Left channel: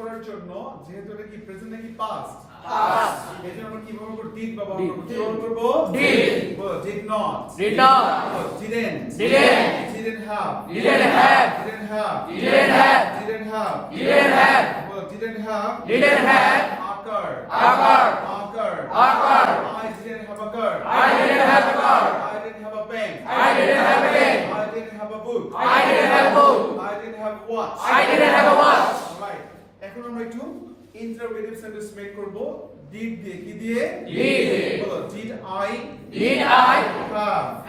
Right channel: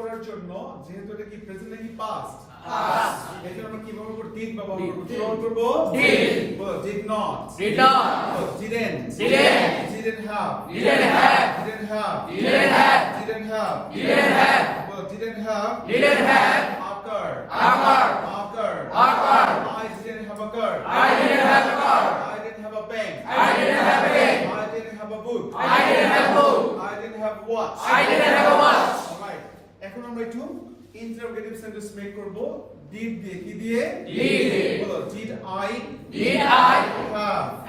করার জন্য যেহেতু এটা কি প্রেজেন্ট নাকি পাস্ট জন্য আমরা কি ব্যবহার করব ডিড ব্যবহার করব কি ব্যবহার করব Did. বলো did not Did not. Didn't Didn't. Didn't have Didn't have. Didn't have Didn't have. Didn't have Didn't have. বলো didn't have Didn't have. occur Occur. occur Occur. I didn't have a car I didn't have a car. I didn't have a pen I didn't have a pen. I didn't have a book I didn't have a book. I didn't have watch I didn't have a watch. Alright, এখন আমরা একটু interrogative sentence make করব। Did দিয়ে কি দিয়ে? Did. বলো did I I have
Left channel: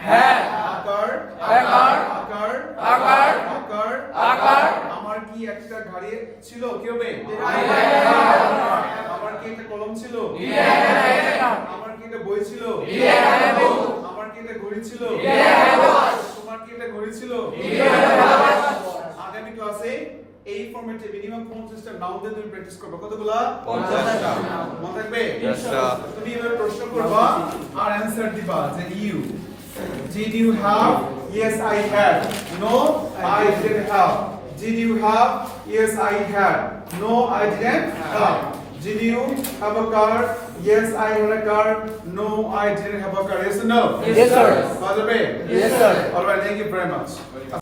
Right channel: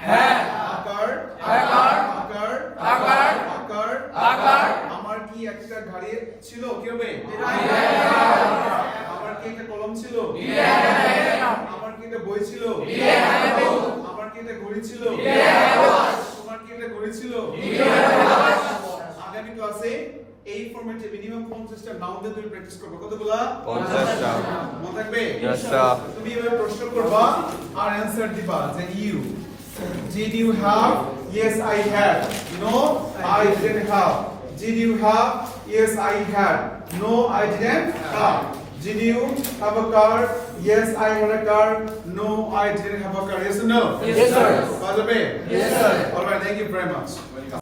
have occur? Occur. আকার? Occur. আকার? Occur. আমার কি একটা গাড়ি ছিল? কি হবে? আমার কি একটা কলম ছিল? আমার কি একটা বই ছিল? আমার কি একটা ঘড়ি ছিল তোমার কি একটা ঘড়ি ছিল ক্লাসে এই ফরম্যাটে মিনিমাম 50টা নাউন দিয়ে তুমি প্র্যাকটিস করবে কতগুলা পঞ্চাশটা। মনে থাকবে Yes, sir. তুমি এবার প্রশ্ন করবা আর অ্যানসার দিবা যে you Did you have? Yes, I had. No, I didn't have. Did you have? Yes, I had. No, I didn't have. Did you have a car? Yes, I had a car. No, I didn't have a car. Yes or no? Yes, sir. All right. Yes, sir. All right. Thank you very much.